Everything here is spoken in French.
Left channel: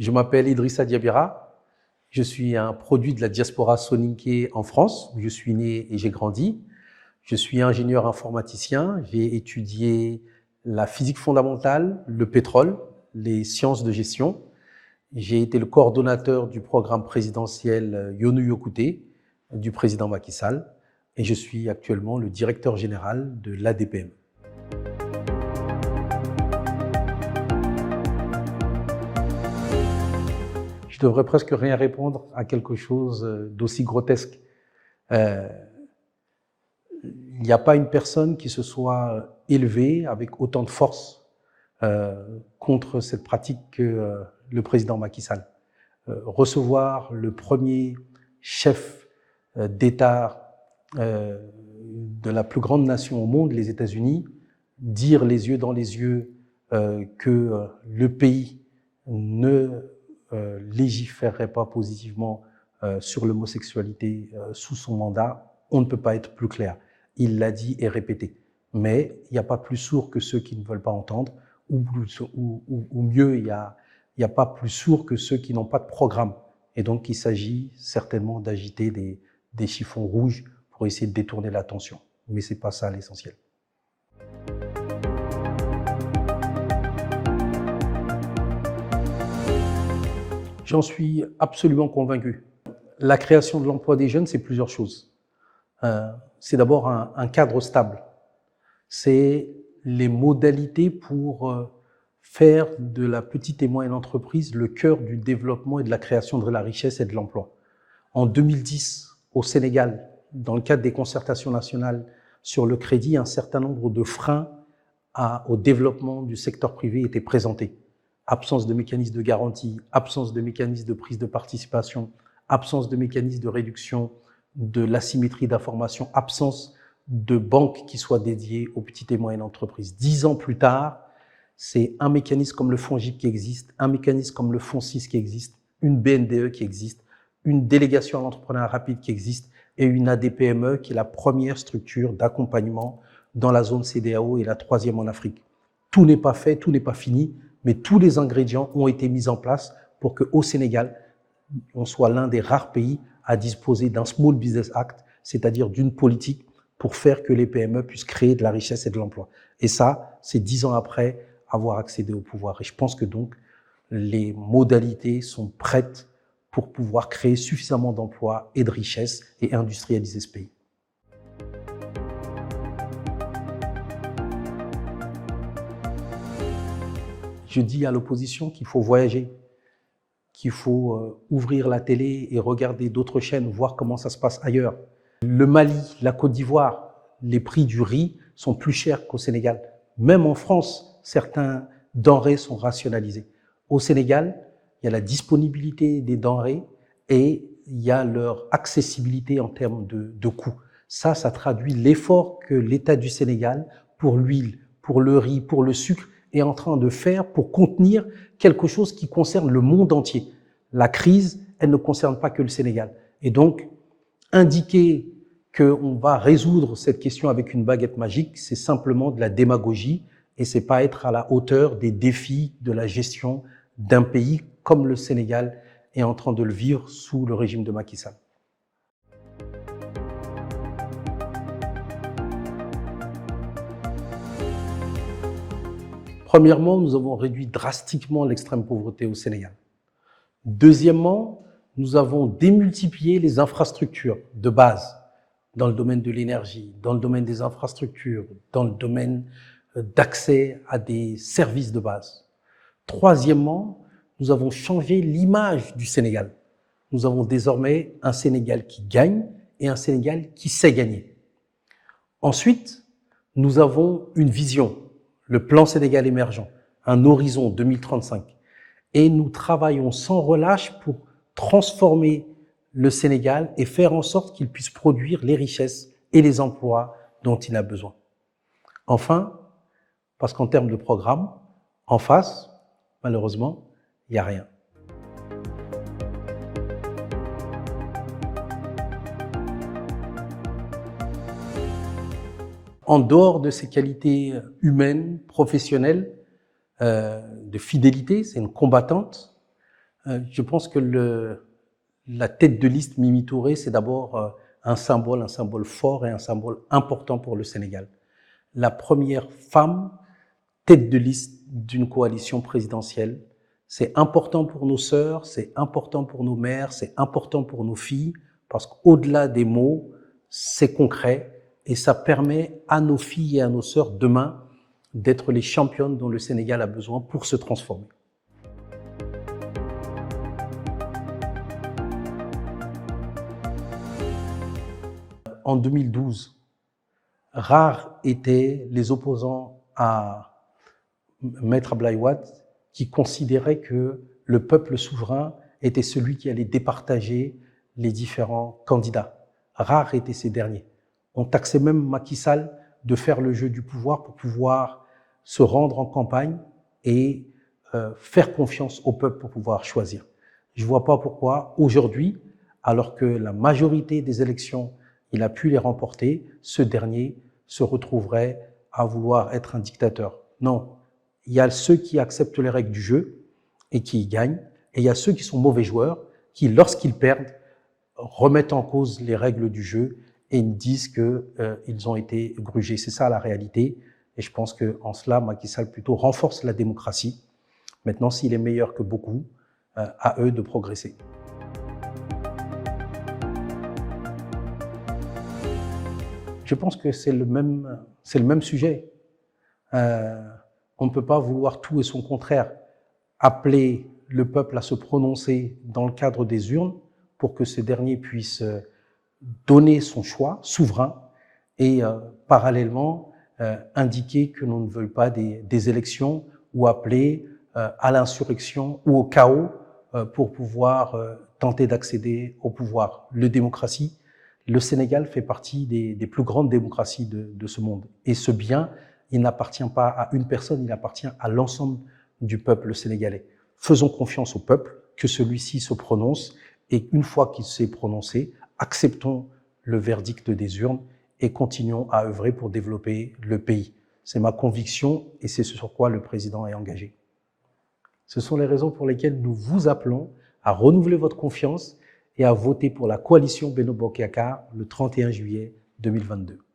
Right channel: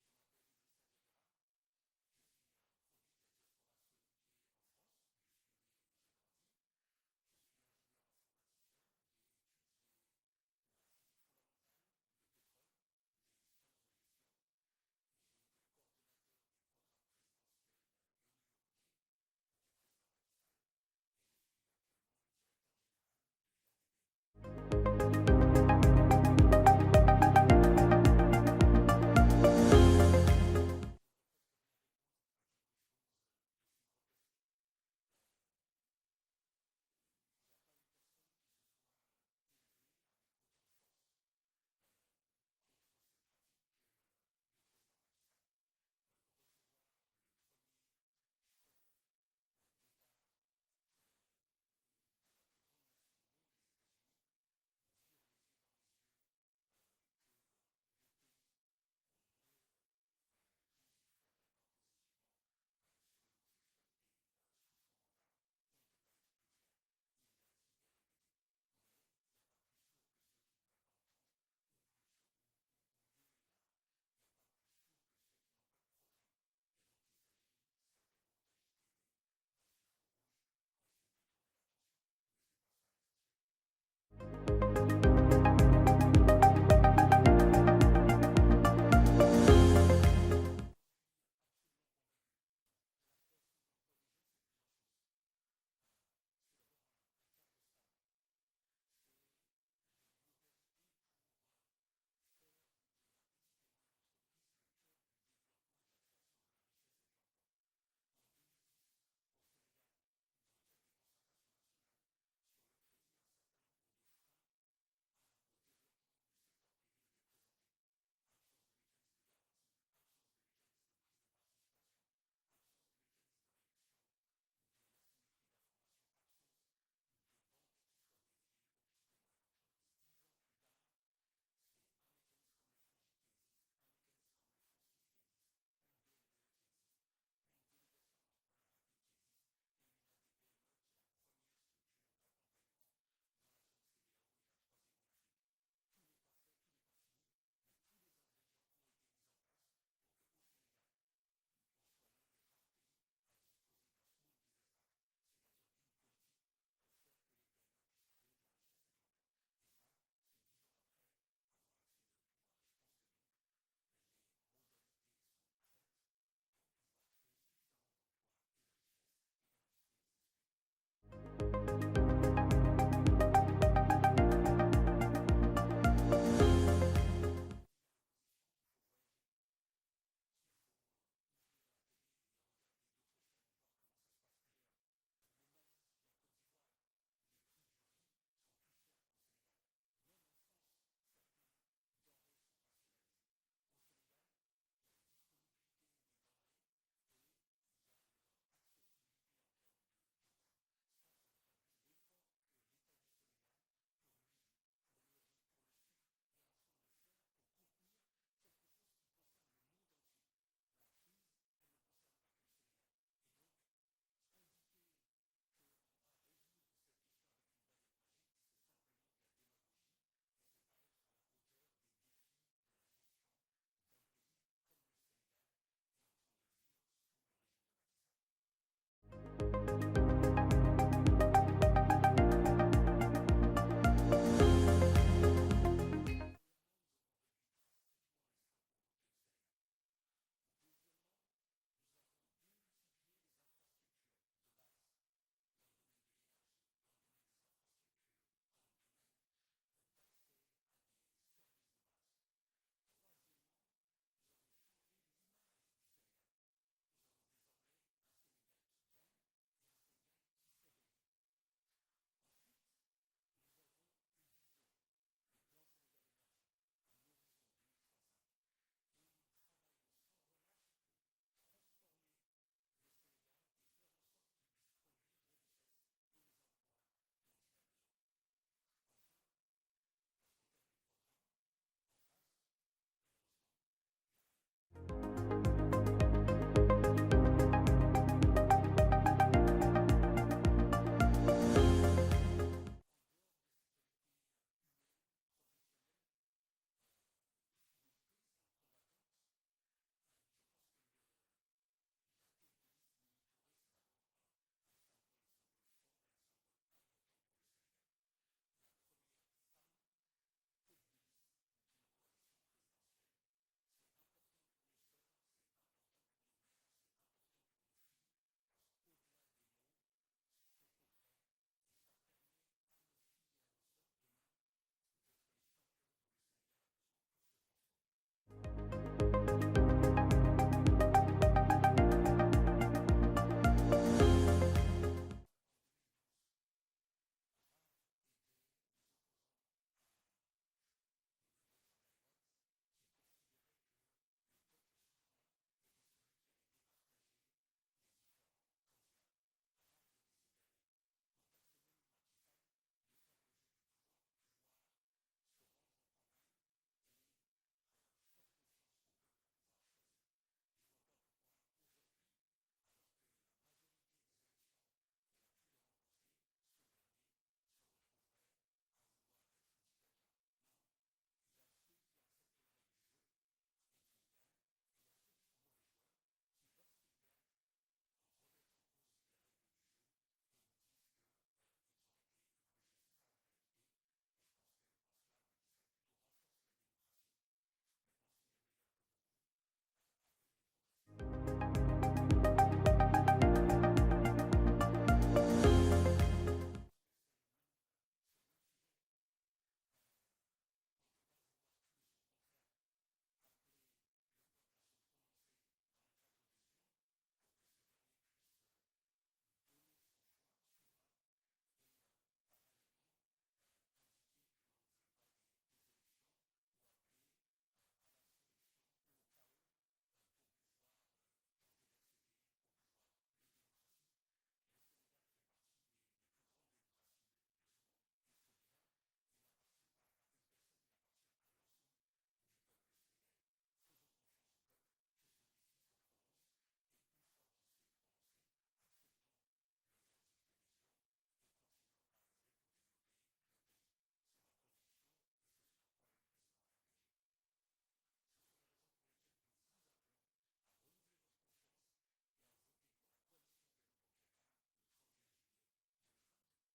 Je m'appelle Idrissa Diabira. Je suis un produit de la diaspora soninké en France, où je suis né et j'ai grandi. Je suis ingénieur informaticien. J'ai étudié la physique fondamentale, le pétrole, les sciences de gestion. J'ai été le coordonnateur du programme présidentiel Yonu Yokouté du président Macky Sall et je suis actuellement le directeur général de l'ADPM. Je devrais presque rien répondre à quelque chose d'aussi grotesque. Il n'y a pas une personne qui se soit élevée avec autant de force contre cette pratique que le président Macky Sall. Recevoir le premier chef d'État de la plus grande nation au monde, les États-Unis, dire les yeux dans les yeux que le pays ne légiférerait pas positivement sur l'homosexualité sous son mandat, on ne peut pas être plus clair. Il l'a dit et répété. Mais il n'y a pas plus sourd que ceux qui ne veulent pas entendre, ou mieux, il n'y a pas plus sourd que ceux qui n'ont pas de programme. Et donc, il s'agit certainement d'agiter des chiffons rouges pour essayer de détourner l'attention. Mais ce n'est pas ça l'essentiel. J'en suis absolument convaincu. La création de l'emploi des jeunes, c'est plusieurs choses. C'est d'abord un cadre stable. C'est les modalités pour faire de la petite et moyenne entreprise le cœur du développement et de la création de la richesse et de l'emploi. En 2010, au Sénégal, dans le cadre des concertations nationales sur le crédit, un certain nombre de freins au développement du secteur privé étaient présentés. Absence de mécanismes de garantie, absence de mécanismes de prise de participation, absence de mécanismes de réduction de l'asymétrie d'information, absence de banques qui soient dédiées aux petites et moyennes entreprises. 10 ans plus tard, c'est un mécanisme comme le FONGIP qui existe, un mécanisme comme le FONSIS qui existe, une BNDE qui existe, une délégation à l'entrepreneuriat rapide qui existe et une ADPME qui est la première structure d'accompagnement dans la zone CEDEAO et la troisième en Afrique. Tout n'est pas fait, tout n'est pas fini, mais tous les ingrédients ont été mis en place pour qu'au Sénégal, on soit l'un des rares pays à disposer d'un Small Business Act, c'est-à-dire d'une politique pour faire que les PME puissent créer de la richesse et de l'emploi. Et ça, c'est 10 ans après avoir accédé au pouvoir. Et je pense que donc, les modalités sont prêtes pour pouvoir créer suffisamment d'emplois et de richesses et industrialiser ce pays. Je dis à l'opposition qu'il faut voyager, qu'il faut ouvrir la télé et regarder d'autres chaînes, voir comment ça se passe ailleurs. Le Mali, la Côte d'Ivoire, les prix du riz sont plus chers qu'au Sénégal. Même en France, certains denrées sont rationalisées. Au Sénégal, il y a la disponibilité des denrées et il y a leur accessibilité en termes de coûts. Ça traduit l'effort que l'État du Sénégal, pour l'huile, pour le riz, pour le sucre, est en train de faire pour contenir quelque chose qui concerne le monde entier. La crise, elle ne concerne pas que le Sénégal. Et donc, indiquer qu'on va résoudre cette question avec une baguette magique, c'est simplement de la démagogie et c'est pas être à la hauteur des défis de la gestion d'un pays comme le Sénégal est en train de le vivre sous le régime de Macky Sall. Premièrement, nous avons réduit drastiquement l'extrême pauvreté au Sénégal. Deuxièmement, nous avons démultiplié les infrastructures de base dans le domaine de l'énergie, dans le domaine des infrastructures, dans le domaine d'accès à des services de base. Troisièmement, nous avons changé l'image du Sénégal. Nous avons désormais un Sénégal qui gagne et un Sénégal qui sait gagner. Ensuite, nous avons une vision, le plan Sénégal émergent, un horizon 2035. Et nous travaillons sans relâche pour transformer le Sénégal et faire en sorte qu'il puisse produire les richesses et les emplois dont il a besoin. Enfin, parce qu'en termes de programme, en face, malheureusement, il n'y a rien. En dehors de ses qualités humaines, professionnelles, de fidélité, c'est une combattante, Je pense que la tête de liste Mimi Touré, c'est d'abord un symbole fort et un symbole important pour le Sénégal. La première femme tête de liste d'une coalition présidentielle. C'est important pour nos sœurs, c'est important pour nos mères, c'est important pour nos filles, parce qu'au-delà des mots, c'est concret et ça permet à nos filles et à nos sœurs demain d'être les championnes dont le Sénégal a besoin pour se transformer. En 2012, rares étaient les opposants à Maître Abdoulaye Wade qui considéraient que le peuple souverain était celui qui allait départager les différents candidats. Rares étaient ces derniers. On taxait même Macky Sall de faire le jeu du pouvoir pour pouvoir se rendre en campagne et faire confiance au peuple pour pouvoir choisir. Je ne vois pas pourquoi aujourd'hui, alors que la majorité des élections, il a pu les remporter, ce dernier se retrouverait à vouloir être un dictateur. Non, il y a ceux qui acceptent les règles du jeu et qui y gagnent, et il y a ceux qui sont mauvais joueurs, qui, lorsqu'ils perdent, remettent en cause les règles du jeu et disent qu'ils ont été grugés. C'est ça la réalité, et je pense qu'en cela, Macky Sall plutôt renforce la démocratie. Maintenant, s'il est meilleur que beaucoup, à eux de progresser. Je pense que c'est le même sujet. On ne peut pas vouloir tout et son contraire. Appeler le peuple à se prononcer dans le cadre des urnes pour que ce dernier puisse donner son choix souverain et parallèlement indiquer que l'on ne veut pas des élections ou appeler à l'insurrection ou au chaos pour pouvoir tenter d'accéder au pouvoir. La démocratie, le Sénégal fait partie des plus grandes démocraties de ce monde. Et ce bien, il n'appartient pas à une personne, il appartient à l'ensemble du peuple sénégalais. Faisons confiance au peuple, que celui-ci se prononce, et une fois qu'il s'est prononcé, acceptons le verdict des urnes et continuons à œuvrer pour développer le pays. C'est ma conviction et c'est ce sur quoi le président est engagé. Ce sont les raisons pour lesquelles nous vous appelons à renouveler votre confiance et à voter pour la coalition Benno Bokk Yakaar le 31 juillet 2022.